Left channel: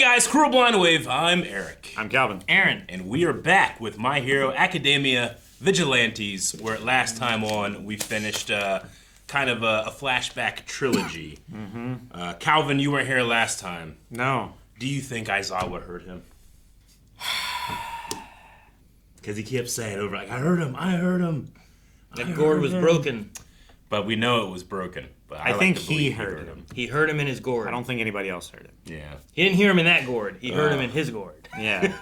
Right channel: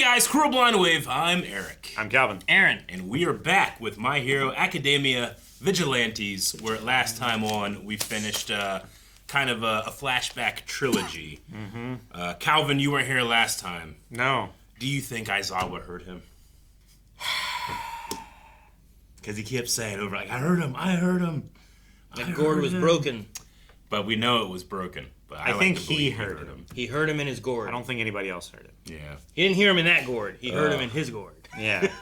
guys, Cruel Blind Wave. I'm Eric. I'm Calvin. Aaron. And we are back with My Hero Academia Vigilantes, where last time on we finished kind of a flashback trilogy. Calvin, you weren't here last time. No. Do you think Aizawa hurt him? Because he kept saying over, like, I heard him. The gourd was broken. But we know it was broken. But I think he heard him. He heard him in his gourd. I don't think anybody else heard it. Yeah. He didn't hear him in that gourd. He heard him in his gourd. Yeah.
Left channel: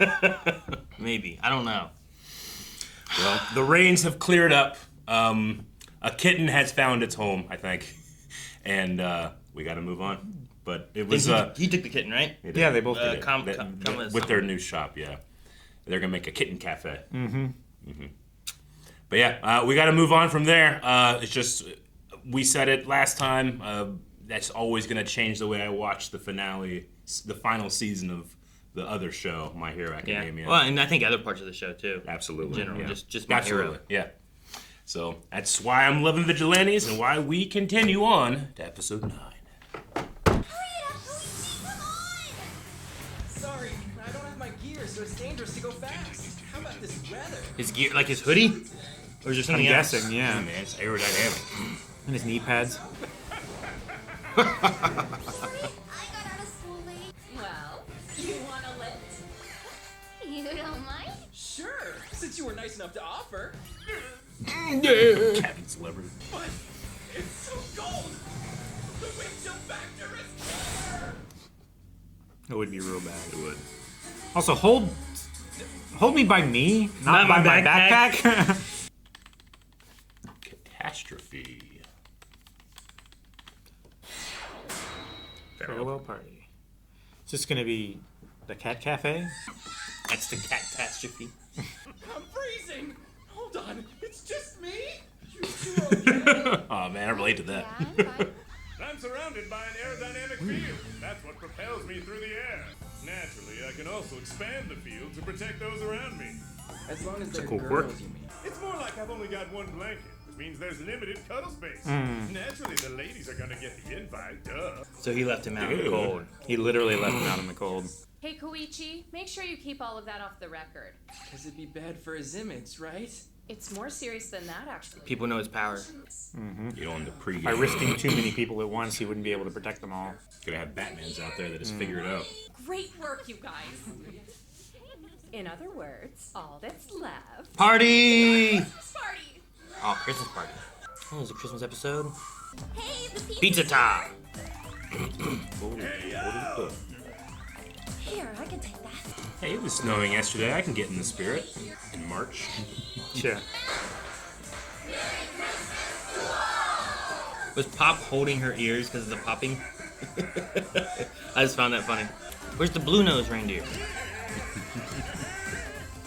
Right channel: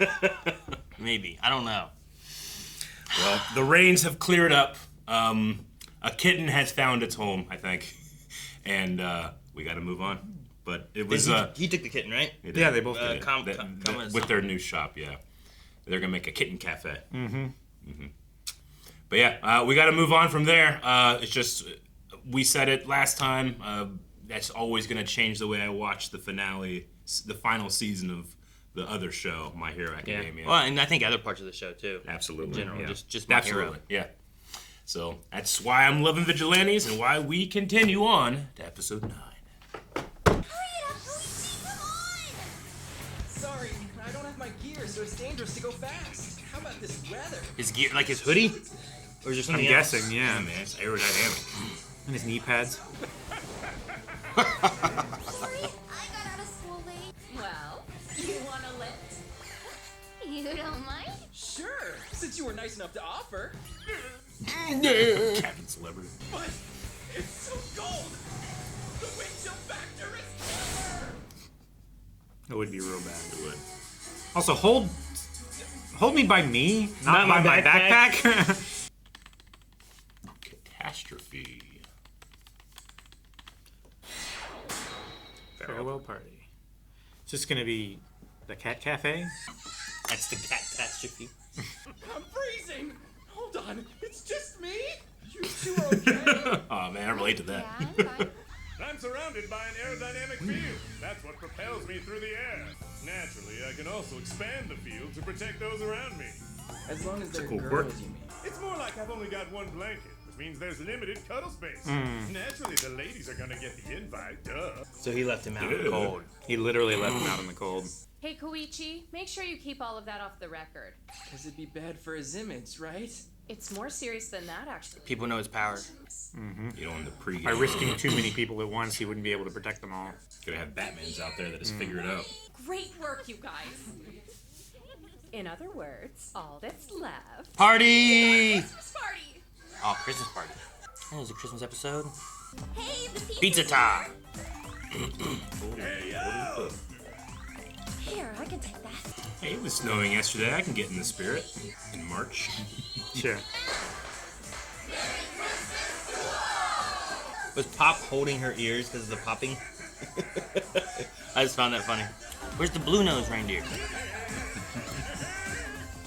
Maybe. I don't know. Well, the rains have cleared up. A kitten has found its home, I think. And we got to move on. But it was... he took the kitten, right? Yeah, they both did. With their new shop, yeah. They're going to make a kitten cafe. But yeah, we got to move on from there. It's just... We said it last time. That's always going to change the way I watch the finale, the final season of the other show, My Hero Academia. Yeah. Well, and I think other parts of the show too. Absolutely. In general, yeah. just My Hero. Yeah. So that's why I'm loving Vigilantes and why we continue on to episode 9. Hurry it up, Koichi, come on! Sorry, I don't have my gear, so it's dangerous to go fast. How about this weather? His gear, like his hoodie? Or is there something I'm else? guessing, yeah. Man, it's aerodynamic. And his knee pads. Sorry, I got out of school late. Well, you want a lift? You don't mind? Sure, since you were nice enough to offer. Captain Celebrity. But it's so cold! The wind chill factor is killer! It would be real bad. It would. Also, hold me by me, not by my backpack. Catastrophe. Farewell party. Is this gonna be the cat cafe? That's the catastrophe. I'm freezing! Hold on, it's just me? You two are okay? Oh man, I relate to that. Yeah, I'm fine. I'm surrounded by an aerodynamic field. That's what propels me through the air. Naturally, I can also expand the field to protect those around me. As long as they're cool girls, quirk. you mean. It's more like I've only got one blanket, which means there's limited cuddle space. Naturally, the ladies are gonna get the invite, duh. So he left him out in the cold. He literally left him out in the cold. Hey, Koichi, make sure you keep all of that off the record. Because it'd be bad for his image, right? It's more serious than that, actually. People know his power. You know, in the pregame. By risking too many people at once, he wouldn't be able to protect them all. Could have Batman's out there that has figured it out. Great work, you guys. In other words, all that's left. Party! Christmas party! Oh, Christmas party. Oh, it was a Christmas episode. Hey, the Pizza time! Hey, yo! Here, I can take that. Hey, it was snowing yesterday. I can get in the spirit. In March. Yeah. Was Pop holding her ears because of the popping? I just found that funny. Where's the blue-nosed reindeer?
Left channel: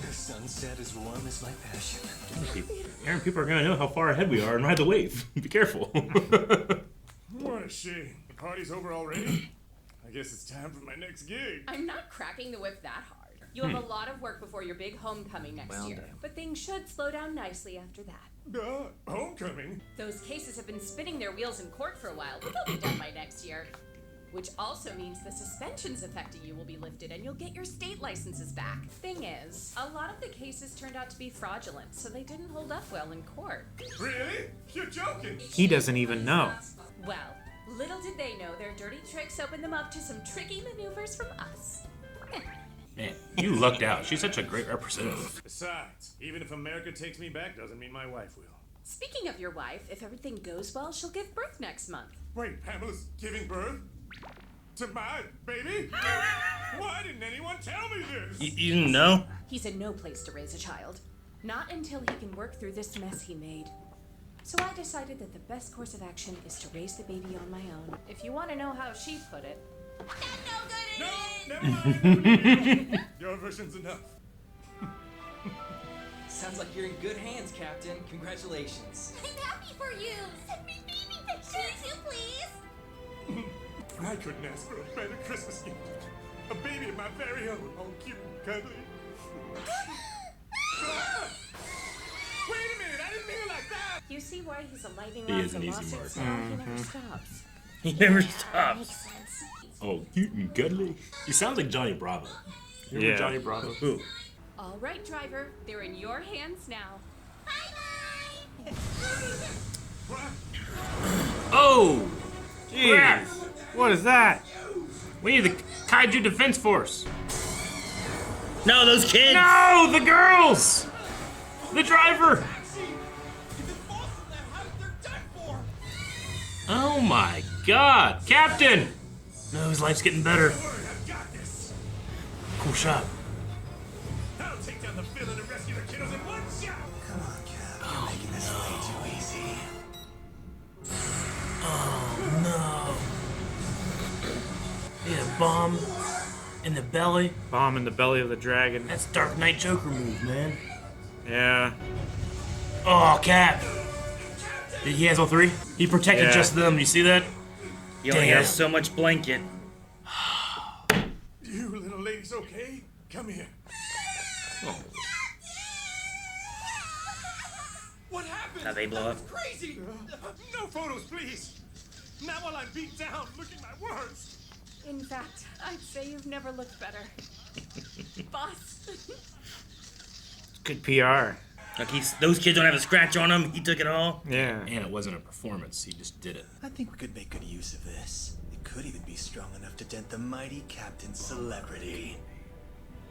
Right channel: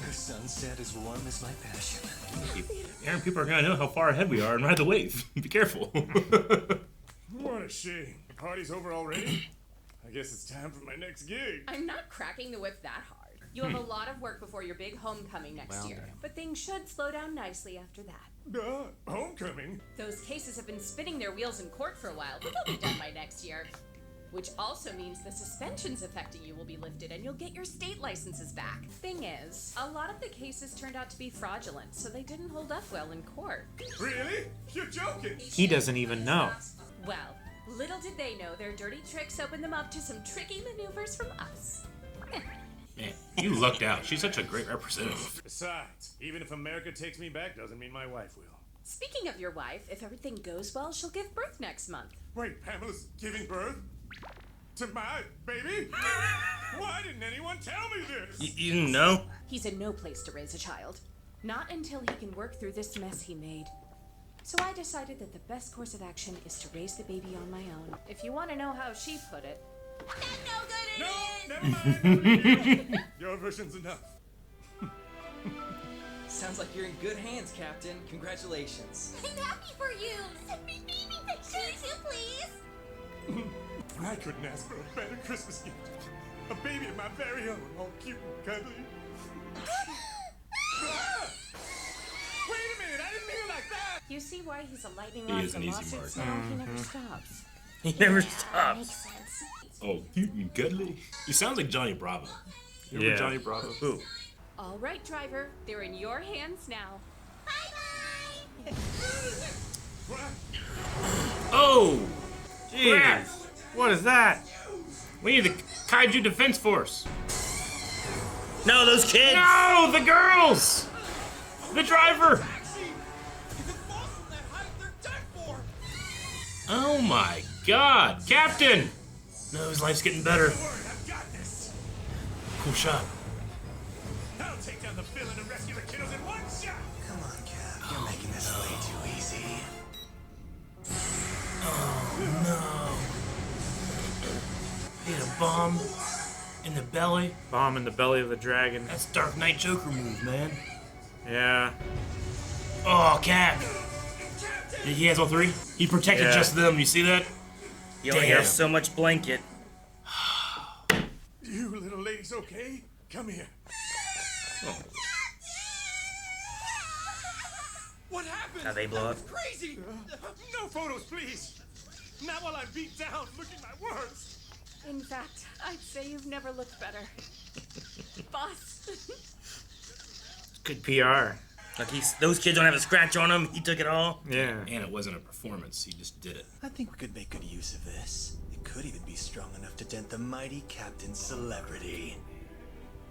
The sunset as warm as my passion. Aaron, people are going to know how far ahead we are and ride the wave. Be careful. What a shame. The party's over already? I guess it's time for my next gig. I'm not cracking the whip that hard. You have a lot of work before your big homecoming next year, but things should slow down nicely after that. Homecoming? Those cases have been spinning their wheels in court for a while, but they'll be done by next year. Which also means the suspensions affecting you will be lifted and you'll get your state licenses back. Thing is, a lot of the cases turned out to be fraudulent, so they didn't hold up well in court. Really? You're joking? He doesn't even know. Well, little did they know their dirty tricks opened them up to some tricky maneuvers from us. Man, you lucked out. She's such a great representative. Besides, even if America takes me back doesn't mean my wife will. Speaking of your wife, if everything goes well, she'll give birth next month. Wait, Pamela's giving birth? To my baby? Why didn't anyone tell me this? You didn't know? He's in no place to raise a child. Not until he can work through this mess he made. So I decided that the best course of action is to raise the baby on my own. If you want to know how she put it. No, never mind. Your version's enough. Sounds like you're in good hands, Captain. Congratulations. I'm happy for you. Send me baby pictures too, please. I couldn't ask for a better Christmas gift. A baby of my very own, all cute and cuddly. Ah! Wait a minute, I didn't mean it like that! You see why he's a lightning He rod is for an easy lawsuits mark. now? He never stops. He never Makes stops. sense. Oh, cute and cuddly. He sounds like Johnny Bravo. Remember Yeah. Johnny Bravo? Ooh. All right, driver, they're in your hands now. Bye-bye! Oh! Jeez. What is that? We need the Kaiju Defense Force. No, those kids! No, the girls! The driver! Taxi! If it falls from that height, they're done for! Oh my god! Captain! No, his life's getting better. Don't worry, I've got this. Push up. I'll take down the villain and rescue the kiddos in one shot. Come on, Cap. You're making this way too easy. He had a bomb in the belly. Bomb in the belly of the dragon. That's Dark Knight Joker move, man. Yeah. Oh, Cap. He has all three? He protected Yeah. just them. You see that? He only Damn. has so much blanket. You little ladies okay? Come here. What happened? How they blow That up. was crazy! No photos, please. Not while I'm beat down, looking my worst. In fact, I'd say you've never looked better. Boss. Good PR. Like those kids don't have a scratch on them. He took it all. Yeah. And it wasn't a performance. He just did it. I think we could make good use of this. It could even be strong enough to dent the mighty Captain Celebrity.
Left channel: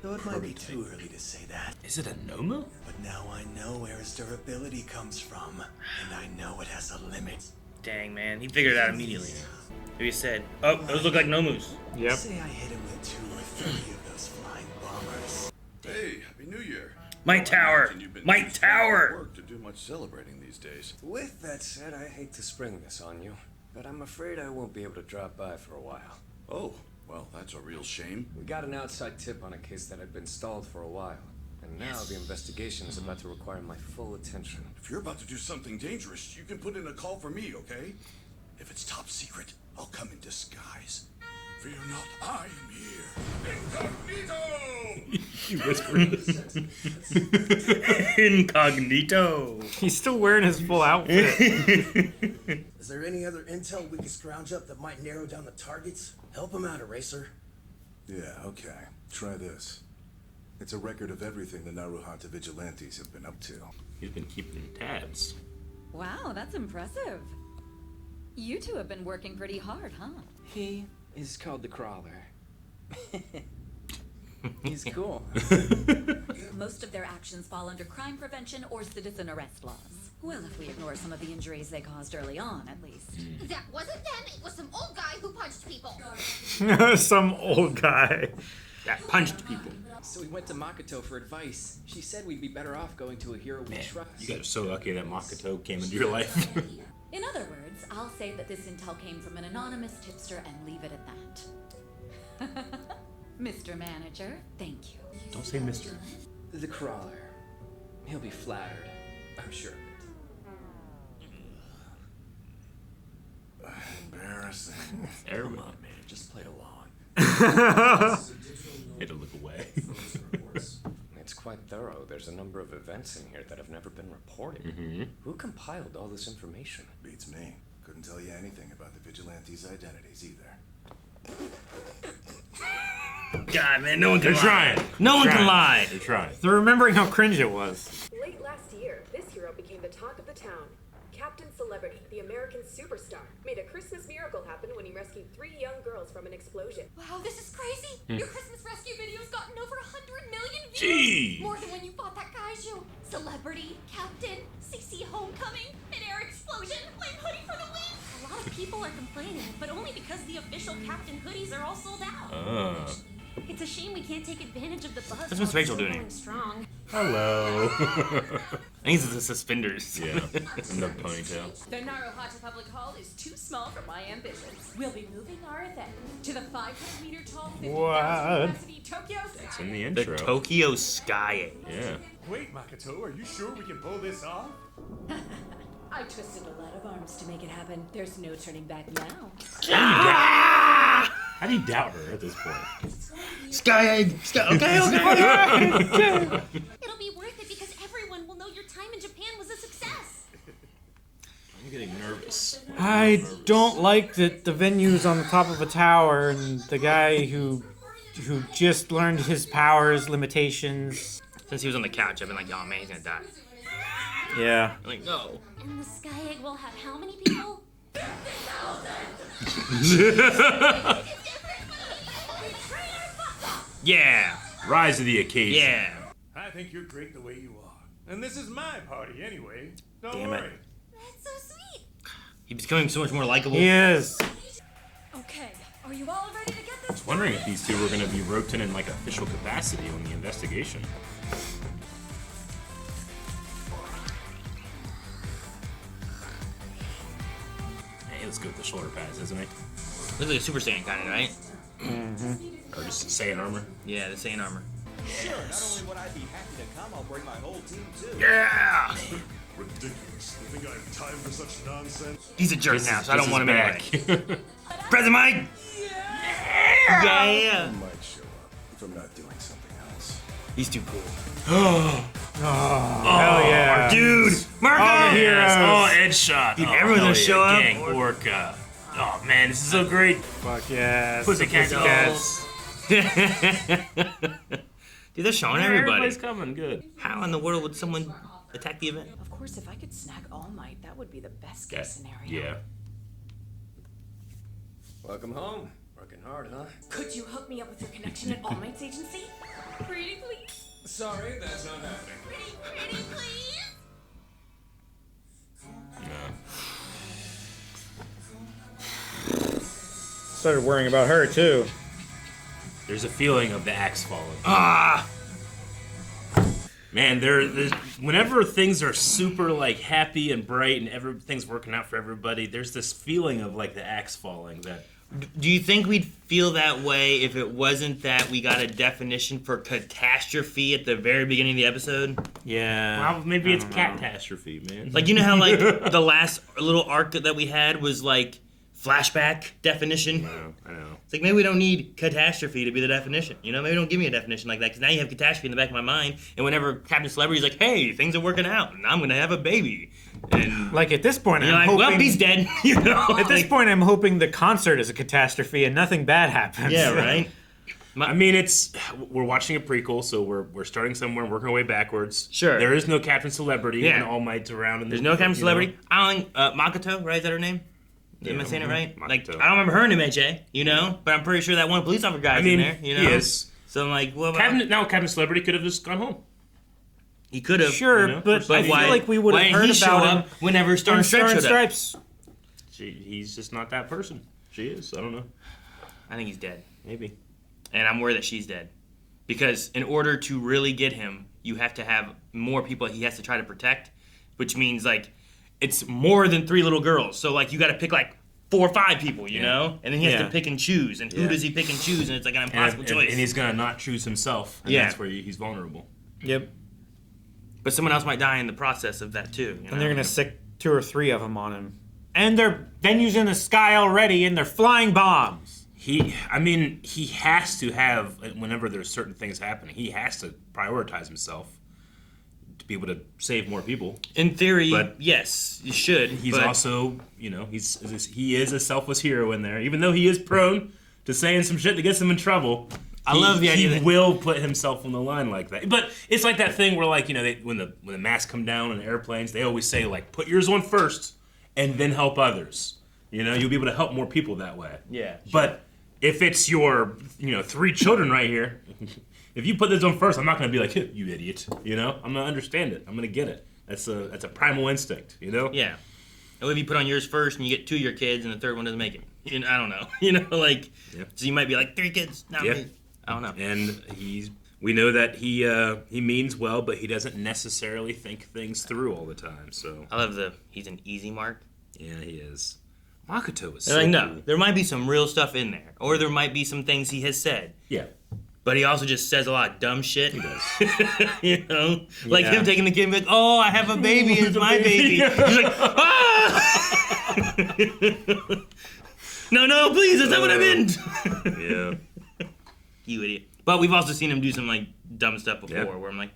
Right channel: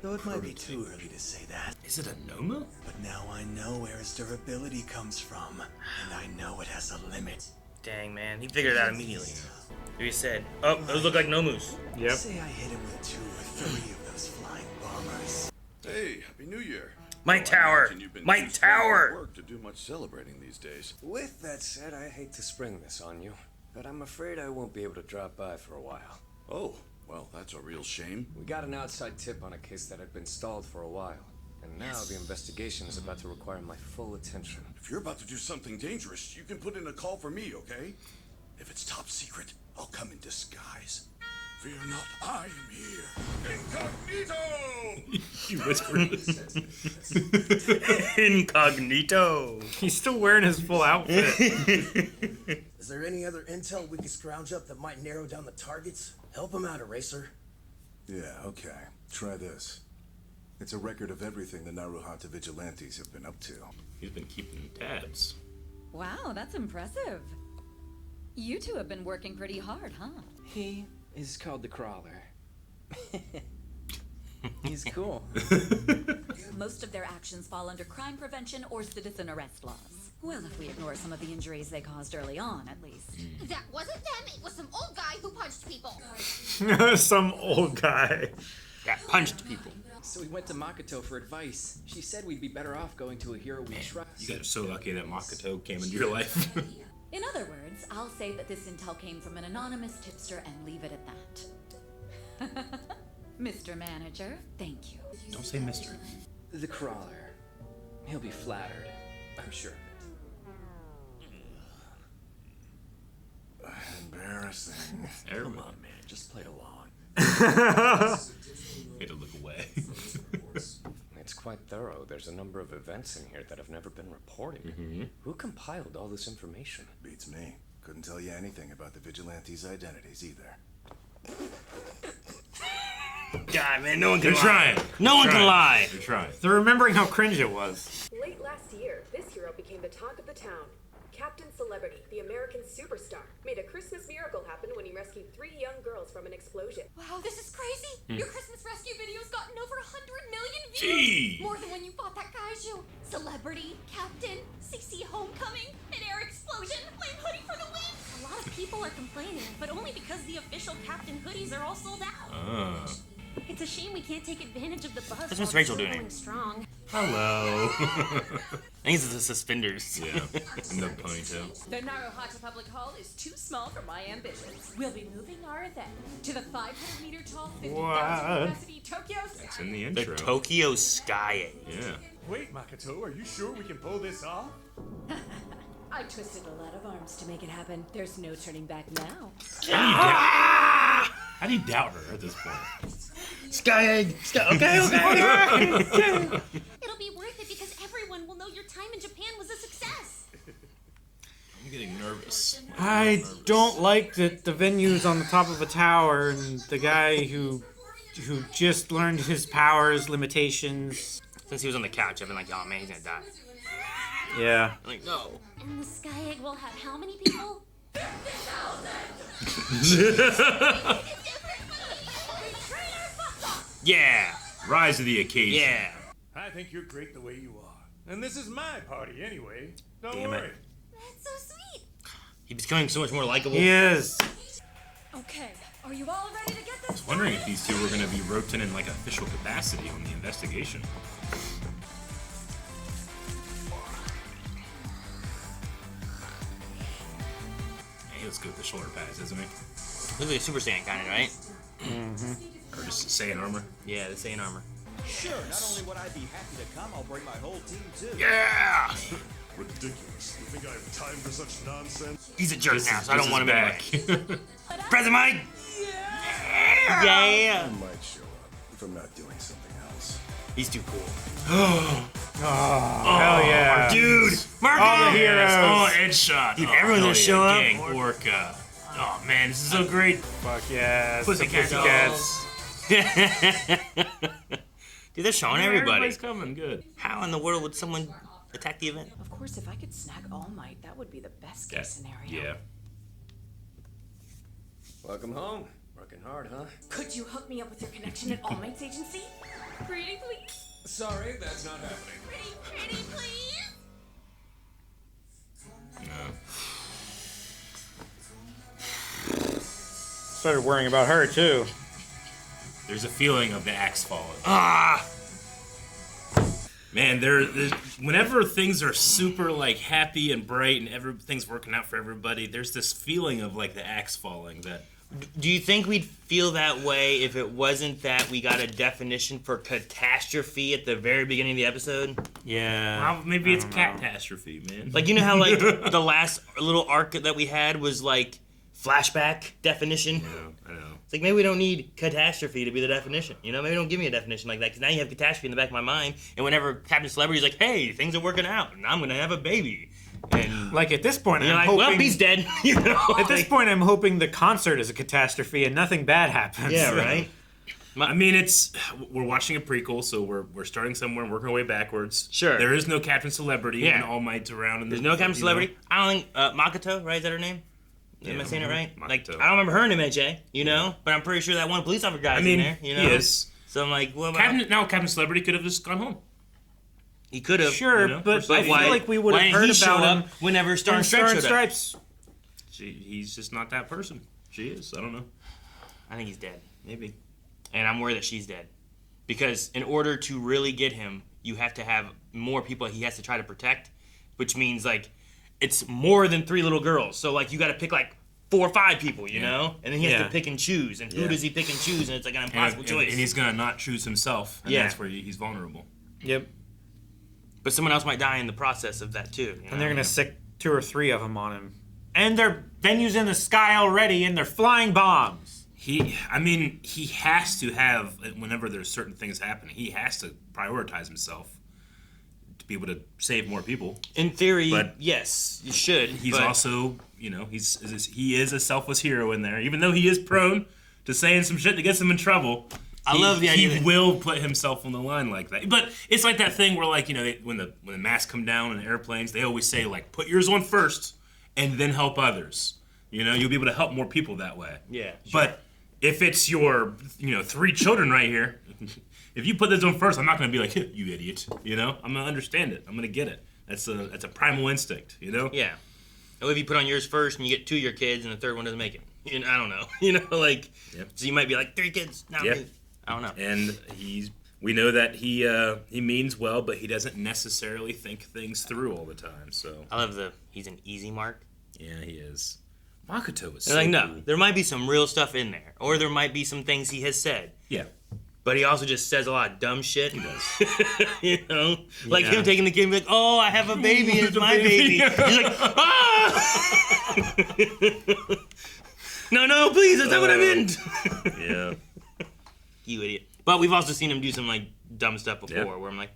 Though it might be too early to say that. Is it a Nomu? But now I know where his durability comes from, and I know it has a limit. Dang, man. He figured it out immediately. He said, oh, those look like Nomus. Yep. Say I hit him with 2 or 3 of those flying bombers. Hey, Happy New Year. My I tower! imagine you've been My too swamped tower! at work to do much celebrating these days. With that said, I hate to spring this on you, but I'm afraid I won't be able to drop by for a while. Oh, well, that's a real shame. We got an outside tip on a case that had been stalled for a while, and now the investigation is about to require my full attention. If you're about to do something dangerous, you can put in a call for me, okay? If it's top secret, I'll come in disguise. Fear not, I am here. Incognito! You whispered this. Incognito. He's still wearing his full outfit. Is there any other intel we could scrounge up that might narrow down the targets? Help him out, Eraser. Yeah, okay. Try this. It's a record of everything the Naruhata Vigilantes have been up to. He's been keeping tabs. Wow, that's impressive. You two have been working pretty hard, huh? He is called the Crawler. He's cool. Most of their actions fall under crime prevention or citizen arrest laws. Well, if we ignore some of the injuries they caused early on, at least. That wasn't them, it was some old guy who punched people. Some old guy. That punched people. So we went to Makoto for advice. She said we'd be better off going to a hero we trust. You guys are so lucky that Makoto came into your life. In other words, I'll say that this intel came from an anonymous tipster and leave it at that. Mr. Manager, thank you. Don't say Mr. The Crawler. He'll be flattered. I'm sure of it. Embarrassing. Come on, man, just play along. Had to look away. It's quite thorough. There's a number of events in here that have never been reported. Who compiled all this information? Beats me. Couldn't tell you anything about the Vigilantes' identities either. God, man, no one can They're lie. trying. No one can lie. They're trying. They're remembering how cringe it was. Late last year, this hero became the talk of the town. Captain Celebrity, the American superstar, made a Christmas miracle happen when he rescued 3 young girls from an explosion. Wow, this is crazy! Your Christmas rescue video's gotten over 100 million views! Gee. More than when you fought that kaiju! Celebrity, Captain, CC Homecoming, an air explosion, flame hoodie for the win! A lot of people are complaining, but only because the official Captain hoodies are all sold out. It's a shame we can't take advantage of the buzz That's while what's it's Rachel still doing. going strong. Hello. I think it's the suspenders. Yeah. And the ponytail. The Naruhata Public Hall is too small for my ambitions. We'll be moving our event to the 500-meter tall, 50,000 What? capacity Tokyo It's Sky. in the The intro. Tokyo Sky. Yeah. Wait, Makoto, are you sure we can pull this off? I twisted a lot of arms to make it happen. There's no turning back now. How do you doubt her at this point? Sky. Okay. It'll be worth it because everyone will know your time in Japan was a success. I'm getting nervous. I don't like that the venue's on the top of a tower and the guy who just learned his powers limitations. Since he was on the couch, I've been like, oh man, he's gonna die. Yeah. I'm like, no. And the Sky Egg will have how many people? 50,000! Yeah. Rise to the occasion. Yeah. I think you're great the way you are. And this is my party anyway. Don't Damn it. worry. That's so sweet. He's becoming so much more likable. He is. Okay, are you all ready to get this? I was wondering if these two were going to be roped in like official capacity in the investigation. Hey, let's go with the shoulder pads, isn't he? Looks like a Super Saiyan kind of, right? Mm-hmm. Or just Saiyan armor. Yeah, the Saiyan armor. Sure, not only would I be happy to come, I'll bring my whole team too. Yeah! Ridiculous. You think I have time for such nonsense? He's a jerk This now, is- so I don't this want is him back. anyway. Present Mike! Yeah! I might show up if I'm not doing something else. He's too cool. Oh, hell yeah. Dude! Marco! Oh, heroes. Oh, Edge shot. Dude, Oh, everyone's gonna hell show yeah. up. Gang Orca. Oh, man, this is so great. Fuck yeah. Pussycats. Dude, they're showing Yeah, everybody. everybody's coming. Good. How in the world would someone attack the event? Of course, if I could snag All Might, that would be the best case scenario. Yeah. Welcome home. Working hard, huh? Could you hook me up with your connection at All Might's agency? Pretty, please. Sorry, that's not happening. Pretty, please. Started worrying about her too. There's a feeling of the axe falling. Ah! Man, there's whenever things are super like happy and bright and everything's working out for everybody, there's this feeling of like the axe falling. That Do you think we'd feel that way if it wasn't that we got a definition for catastrophe at the very beginning of the episode? Yeah. Well, maybe it's catastrophe, man. Like, you know how like the last little arc that we had was like flashback definition? I know. It's like maybe we don't need catastrophe to be the definition. You know, maybe don't give me a definition like that because now you have catastrophe in the back of my mind. And whenever Captain Celebrity's like, hey, things are working out and I'm gonna have a baby. And Like at this point, you're I'm like, hoping. well, he's dead. You know. At this point, I'm hoping the concert is a catastrophe and nothing bad happens. Yeah, right. I mean, we're watching a prequel, so we're starting somewhere and working our way backwards. Sure. There is no Captain Celebrity Yeah. and All Might's around. There's no Captain Celebrity. Makoto, right? Is that her name? Yeah, Am I saying it right? Makoto. Like, I don't remember her in MJ, you know? But I'm pretty sure that one police officer guy's I mean, in there, you know? he is. So I'm like, well, Captain Celebrity could have just gone home. he could have. Sure, You know, but just I like feel why- like we would why have didn't heard he show about him up whenever Star in and Stripes Star and showed up? Stripes. He's just not that person. She is. I don't know. I think he's dead. Maybe. And I'm worried that she's dead. Because in order to really get him, you have to have more people he has to try to protect, which means, like, it's more than 3 little girls. So, like, you got to pick, like, 4 or 5 people, you know? And then he has to pick and choose. And who does he pick and choose? And it's, like, an impossible choice. And he's going to not choose himself. And that's where he's vulnerable. Yep. But someone else might die in the process of that, too. You know? And they're gonna sick 2 or 3 of them on him. And their venue's in the sky already, and they're flying bombs. He has to have, whenever there's certain things happening, he has to prioritize himself to be able to save more people. In theory, But yes, you should. He's but also, he is a selfless hero in there, even though he is prone to saying some shit that gets him in trouble. I love the idea He that- will put himself on the line like that. But it's like that thing where, like, when the masks come down on airplanes, they always say, like, put yours on first and then help others. You know, you'll be able to help more people that way. Yeah. But if it's your, 3 children right here, if you put this on first, I'm not going to be like, you idiot. You know, I'm going to understand it. I'm going to get it. That's a primal instinct. You know. Yeah. Or if you put on yours first and you get 2 of your kids and the third one doesn't make it. I don't know. You know, like, so you might be like 3 kids. Not me. I don't know. And we know that he means well, but he doesn't necessarily think things through all the time. So I love he's an easy mark. Yeah, he is. Makoto is They're so like, no, cool. there might be some real stuff in there, or there might be some things he has said. Yeah. But he also just says a lot of dumb shit. He does. You know, like Yeah. him taking the kid and be like, "Oh, I have a baby. It's my baby." He's like, "Ah!" No, please, that's not what I meant. Yeah. You idiot. But we've also seen him do some like dumb stuff before, Yeah. where I'm like,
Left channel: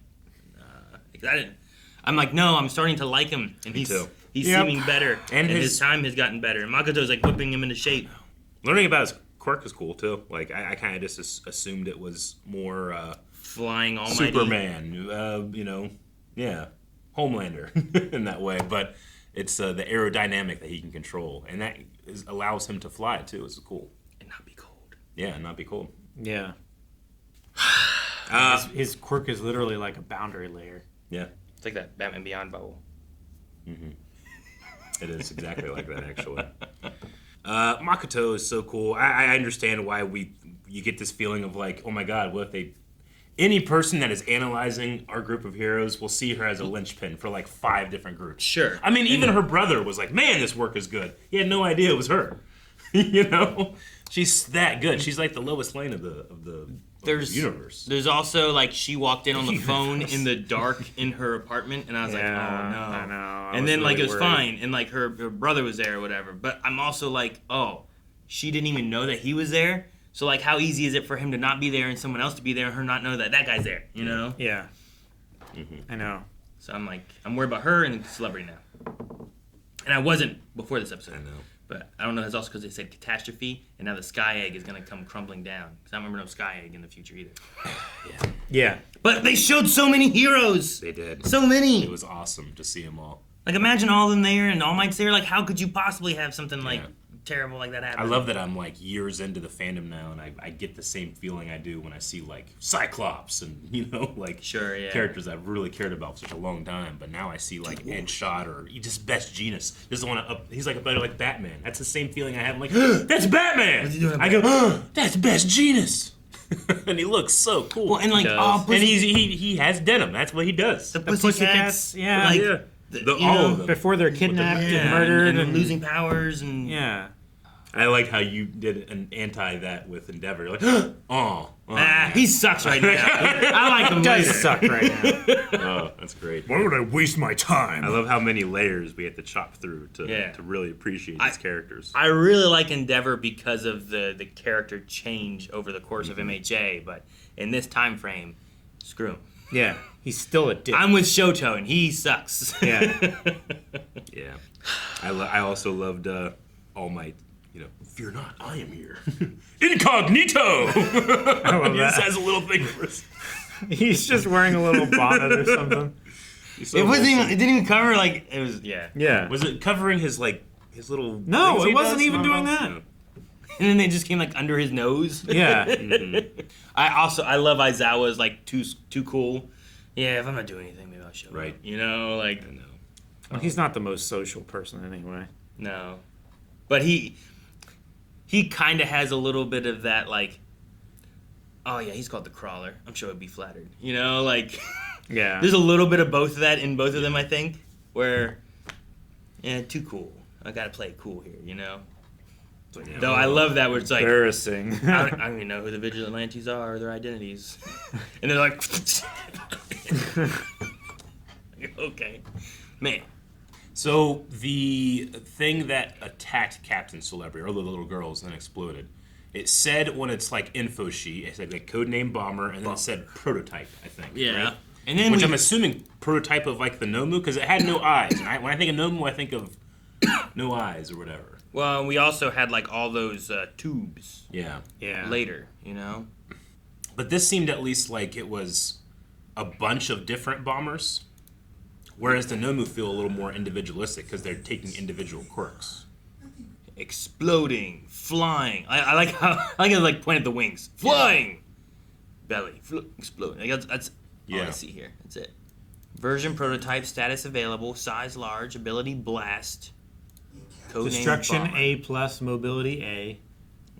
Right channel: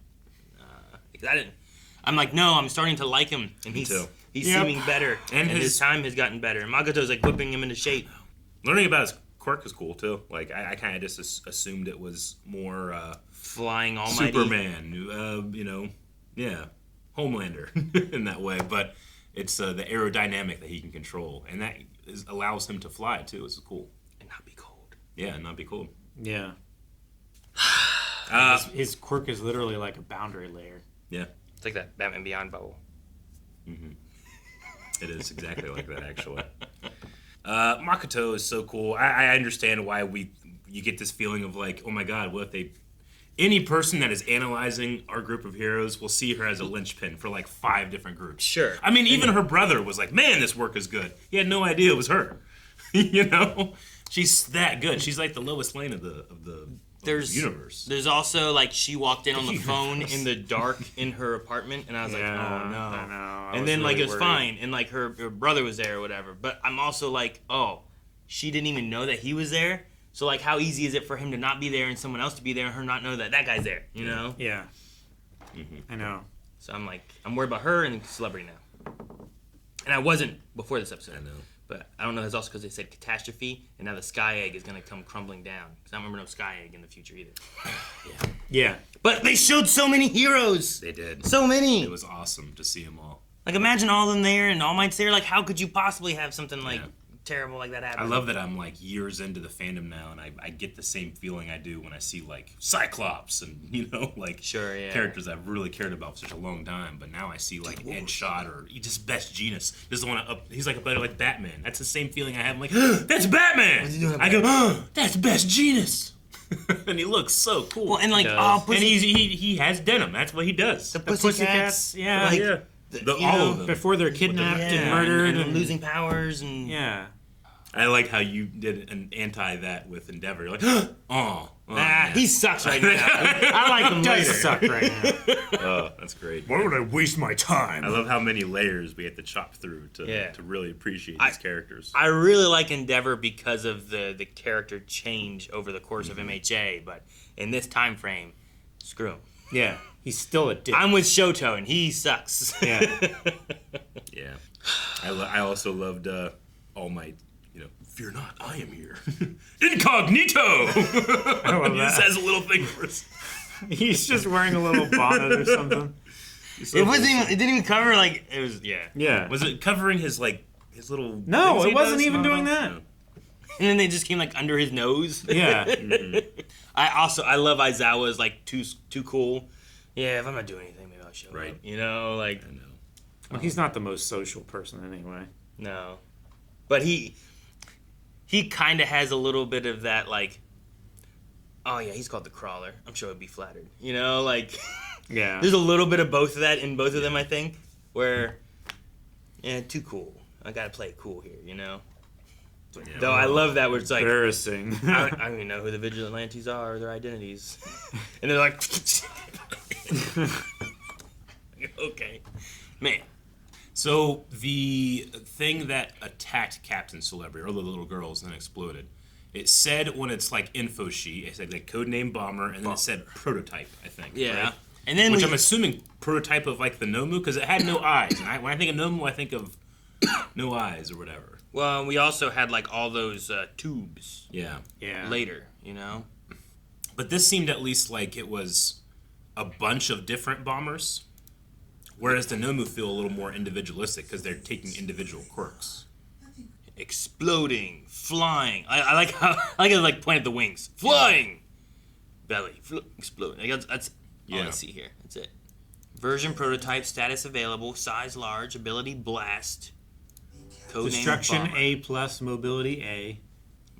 I'm like, no, I'm starting to like him, and Me he's too. He's seeming better, And and his his time has gotten better. And Makoto's like whipping him into shape. learning about his quirk is cool too. Like I kind of just assumed it was more Flying almighty. Superman, Homelander in that way. But it's the aerodynamic that he can control, and that allows him to fly too. It's cool. And not be cold. Yeah, and not be cold. Yeah. His quirk is literally like a boundary layer. Yeah. It's like that Batman Beyond bubble. Mm-hmm. It is exactly like that, actually. Makoto is so cool. I understand why you get this feeling of like, oh my god, what if any person that is analyzing our group of heroes will see her as a linchpin for like 5 different groups. Sure. I mean, even her brother was like, man, this work is good. He had no idea it was her. She's that good. She's like the lowest lane of the universe. There's also like she walked in on the phone in the dark in her apartment, and I was like, oh no. I know. And then like it was fine, and like her brother was there or whatever. But I'm also like, oh, she didn't even know that he was there. So like, how easy is it for him to not be there and someone else to be there and her not know that that guy's there? You know? Yeah. Mm-hmm. I know. So I'm like, I'm worried about her and Celebrity now. And I wasn't before this episode. I know. But I don't know. That's also because they said catastrophe, and now the sky egg is going to come crumbling down. Because I don't remember no sky egg in the future either. Yeah. But they showed so many heroes. They did. So many. It was awesome to see them all. Like, imagine all in there and All Might's there. Like, how could you possibly have something like terrible like that happen? I love that I'm like years into the fandom now, and I get the same feeling I do when I see like Cyclops and characters I've really cared about for such a long time. But now I see like Ed Shot or just Best Genius. Just want to he's like a better like Batman. That's the same feeling I have. I'm like, that's Batman. I go, that's Best Genius. And he looks so cool. Well, and like, and he has denim. That's what he does. The Pussycats, yeah. All of them. Before they're kidnapped and murdered and losing powers and I like how you did an anti that with Endeavor. Like, he sucks right now. I like him. He does suck right now. Oh, that's great. Why would I waste my time? I love how many layers we have to chop through to really appreciate these characters. I really like Endeavor because of the character change over the course of MHA, but in this time frame, screw him. Yeah, he's still a dick. I'm with Shoto, and he sucks. Yeah. Yeah. I also loved All Might. Fear not, I am here. Incognito! He just has a little thing for us. He's just wearing a little bonnet or something. It didn't even cover like it was. Yeah. Was it covering his little? No, things it he wasn't does? even doing that. And then they just came like under his nose. Yeah. I love Aizawa's like too cool. Yeah, if I'm not doing anything, maybe I'll show up. Right. Like. I know. Well, he's not the most social person anyway. No, but he kind of has a little bit of that, like, oh yeah, he's called the Crawler. I'm sure he'll be flattered. Like, yeah. There's a little bit of both of that in both of them, I think, where, too cool. I gotta play it cool here, Though I love that where it's like, embarrassing. I don't even know who the Vigilantes are or their identities. And they're like, okay. Man. So the thing that attacked Captain Celebrity, or the little girls, and then exploded, it said on its like info sheet, it said like codename bomber, and then it said prototype, I think. Yeah. Right? And then which I'm assuming prototype of like the Nomu, because it had no eyes. And when I think of Nomu, I think of no eyes or whatever. Well, we also had like all those tubes. Yeah. Later, But this seemed at least like it was a bunch of different bombers. Whereas the Nomu feel a little more individualistic because they're taking individual quirks. Exploding, flying. I like how it like point at the wings. Flying, belly, exploding. That's all I see here. That's it. Version prototype, status available, size large, ability blast. Destruction A+, mobility A.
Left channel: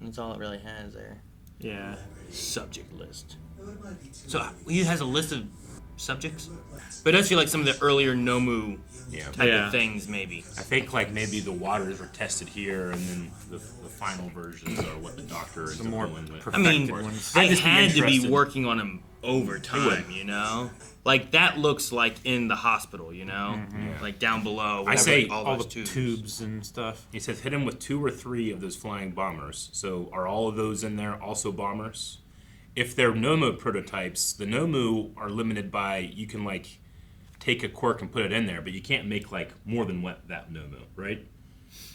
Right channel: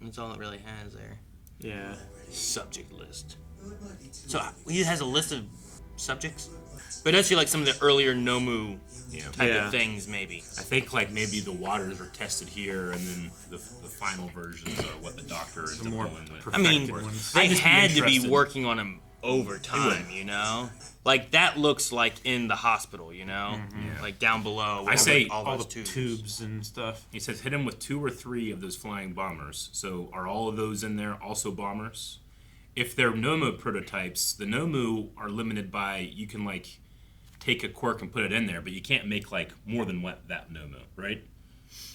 That's all it really has there. Yeah. Subject list. So he has a list of subjects, but it does feel like some of the earlier Nomu type of things, maybe. I think like maybe the waters were tested here, and then the final versions are what the Doctor is more with. I mean, they just had to be working on them over time, Like that looks like in the hospital, like down below. I say all the tubes and stuff. He says hit him with 2 or 3 of those flying bombers. So are all of those in there also bombers? If they're Nomu prototypes, the Nomu are limited by you can like take a quirk and put it in there, but you can't make like more than that Nomu, right?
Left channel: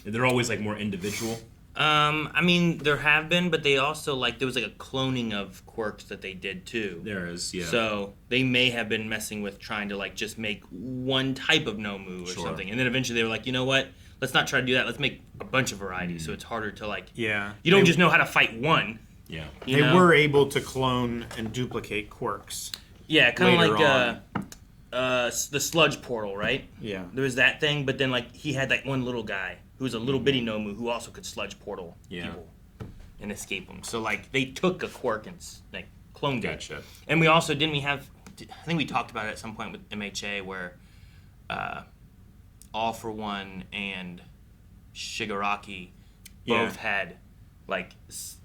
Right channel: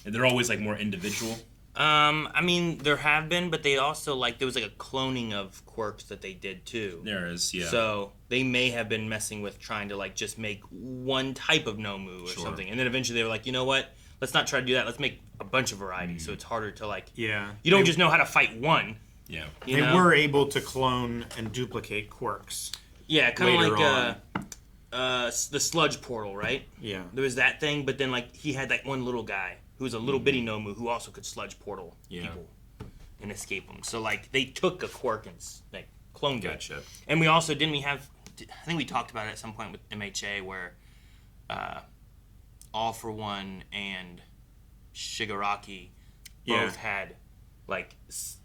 And they're always like more individual. I mean, there have been, but they also there was like a cloning of quirks that they did too. There is, yeah. So they may have been messing with trying to like just make one type of Nomu or something, and then eventually they were like, you know what? Let's not try to do that. Let's make a bunch of varieties, so it's harder to like. Yeah. You don't just know how to fight one. Yeah. They were able to clone and duplicate quirks. Yeah, kind of like the sludge portal, right? Yeah. There was that thing, but then like he had that one little guy who was a little bitty Nomu who also could sludge portal people and escape them. So like they took a quirk and like cloned Gotcha. it. And we also I think we talked about it at some point with MHA where All For One and Shigaraki both had like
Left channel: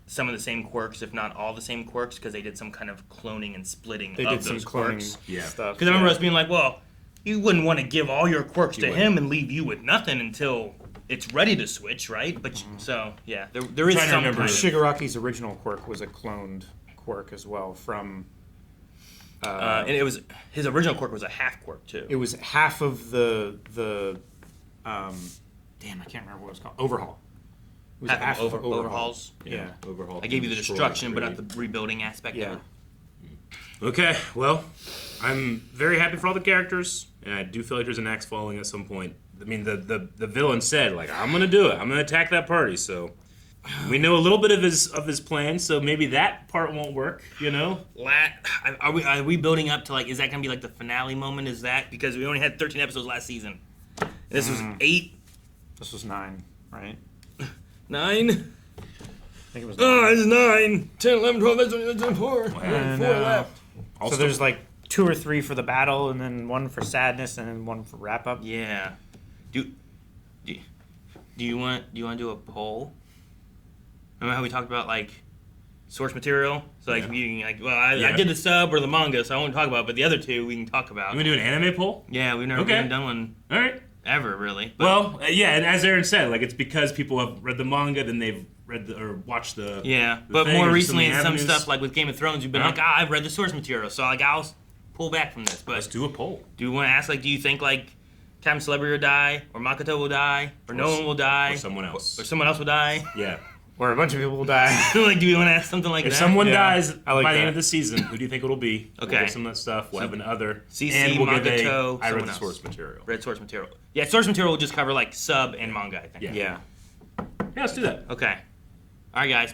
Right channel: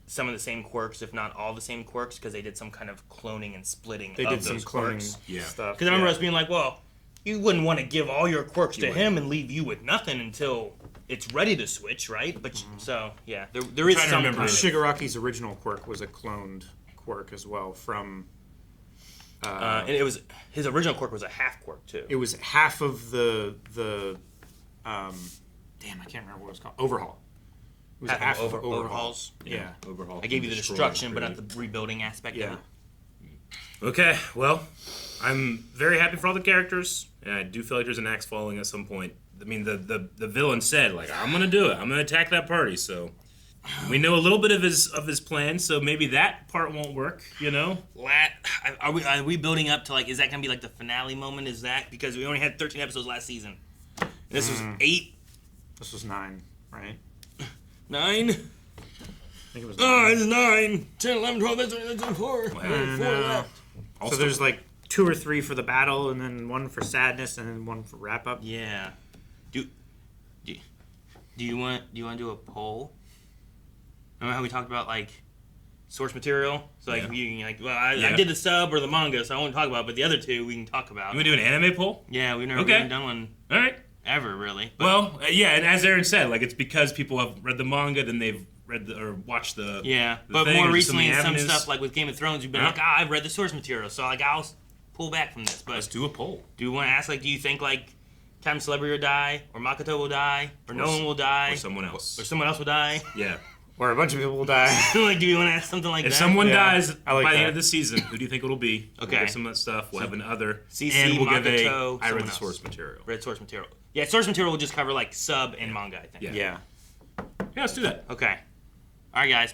some of the same quirks, if not all the same quirks, because they did some kind of cloning and splitting. They did some cloning stuff. Because I remember us being like, well, you wouldn't want to give all your quirks to him and leave you with nothing until it's ready to switch, right? But so yeah, there is some. Shigaraki's original quirk was a cloned quirk as well from. And it was his original quirk was a half quirk too. It was half of the damn, I can't remember what it was called. Overhaul. It was half of overhauls. Yeah, overhaul. I gave you the destruction, but not the rebuilding aspect. Yeah. Of it. Okay, well, I'm very happy for all the characters, and I do feel like there's an axe falling at some point. I mean, the villain said, like, I'm gonna do it. I'm gonna attack that party. So we know a little bit of his plan. So maybe that part won't work. You know. Are we building up to like? Is that gonna be like the finale moment? Is that because we only had 13 episodes last season? And this was 8. This was 9, right? 9. I think it was 9. Oh, it's 9, 10, 11, 12, 13, 14, 4 left. So there's like 2 or 3 for the battle, and then 1 for sadness, and then 1 for wrap up. Yeah. Do you want to do a poll? Remember how we talked about like source material? So like you can like, well, I did the sub or the manga, so I won't talk about it, but the other 2 we can talk about. You want to do an anime poll? Yeah, we've never really done one. All right. Ever really. But, well, yeah, and as Aaron said, like it's because people have read the manga, then they've read or watched the but thing, more or recently in some avenues. stuff like with Game of Thrones, you've been like, I've read the source material, so like I'll pull back from this. But let's do a poll. Do you want to ask like, do you think like Captain Celebrity will die, or Makoto will die, or no one will die, or someone else, or someone else will die? Yeah. Or a bunch of people will die. Like, do you want to ask something like that? If someone dies by the end of the season, who do you think it'll be? Okay. We'll give some of that stuff. We'll have another. CC, and we'll give Makoto, I read the else. source material. Read source material. Yeah, source material will just cover like sub and manga, I think. Yeah, let's do that. Okay. All right, guys.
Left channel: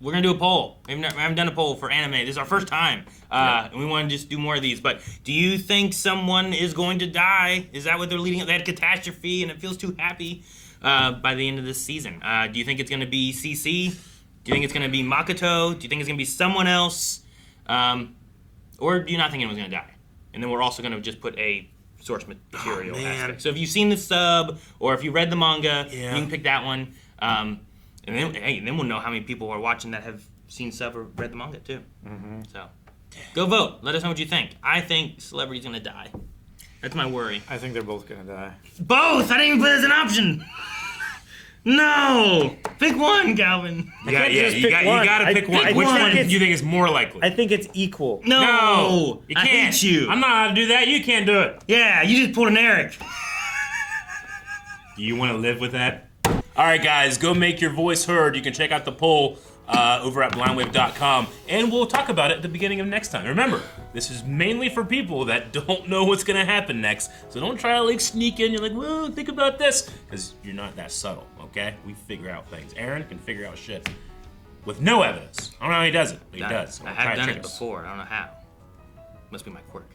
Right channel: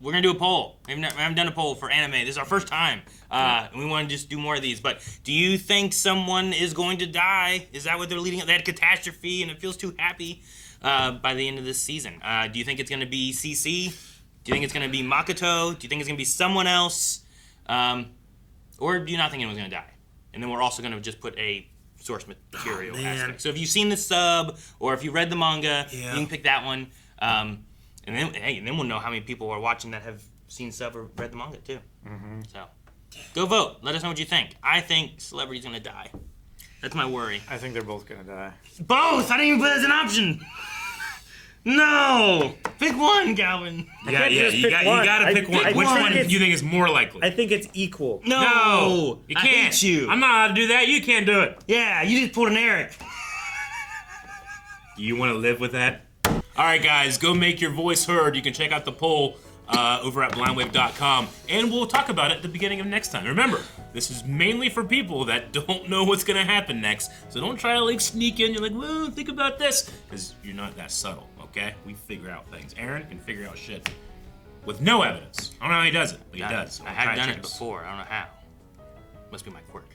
We're gonna do a poll. We haven't done a poll for anime. This is our first time, and we want to just do more of these. But do you think someone is going to die? Is that what they're leading up? They had catastrophe, and it feels too happy by the end of this season. Do you think it's gonna be CC? Do you think it's gonna be Makoto? Do you think it's gonna be someone else? Or do you not think anyone's gonna die? And then we're also gonna just put a source material aspect. So if you've seen the sub or if you read the manga, you can pick that one. And then we'll know how many people are watching that have seen sub or read the manga too. Mm-hmm. So go vote. Let us know what you think. I think Celebrity's gonna die. That's my worry. I think they're both gonna die. Both! I didn't even put it as an option. No! Pick one, Calvin. You gotta pick one. Which one do you think is more likely? I think it's equal. No! You I can't. hate you. I'm not allowed to do that. You can't do it. Yeah, you just pulled an Eric. Do you want to live with that? All right, guys, go make your voice heard. You can check out the poll over at blindwave.com, and we'll talk about it at the beginning of next time. Remember, this is mainly for people that don't know what's going to happen next, so don't try to like sneak in. You're like, well, think about this, because you're not that subtle, okay? We figure out things. Aaron can figure out shit with no evidence. I don't know how he does it, but he does. I have done it before. I don't know how. Must be my quirk.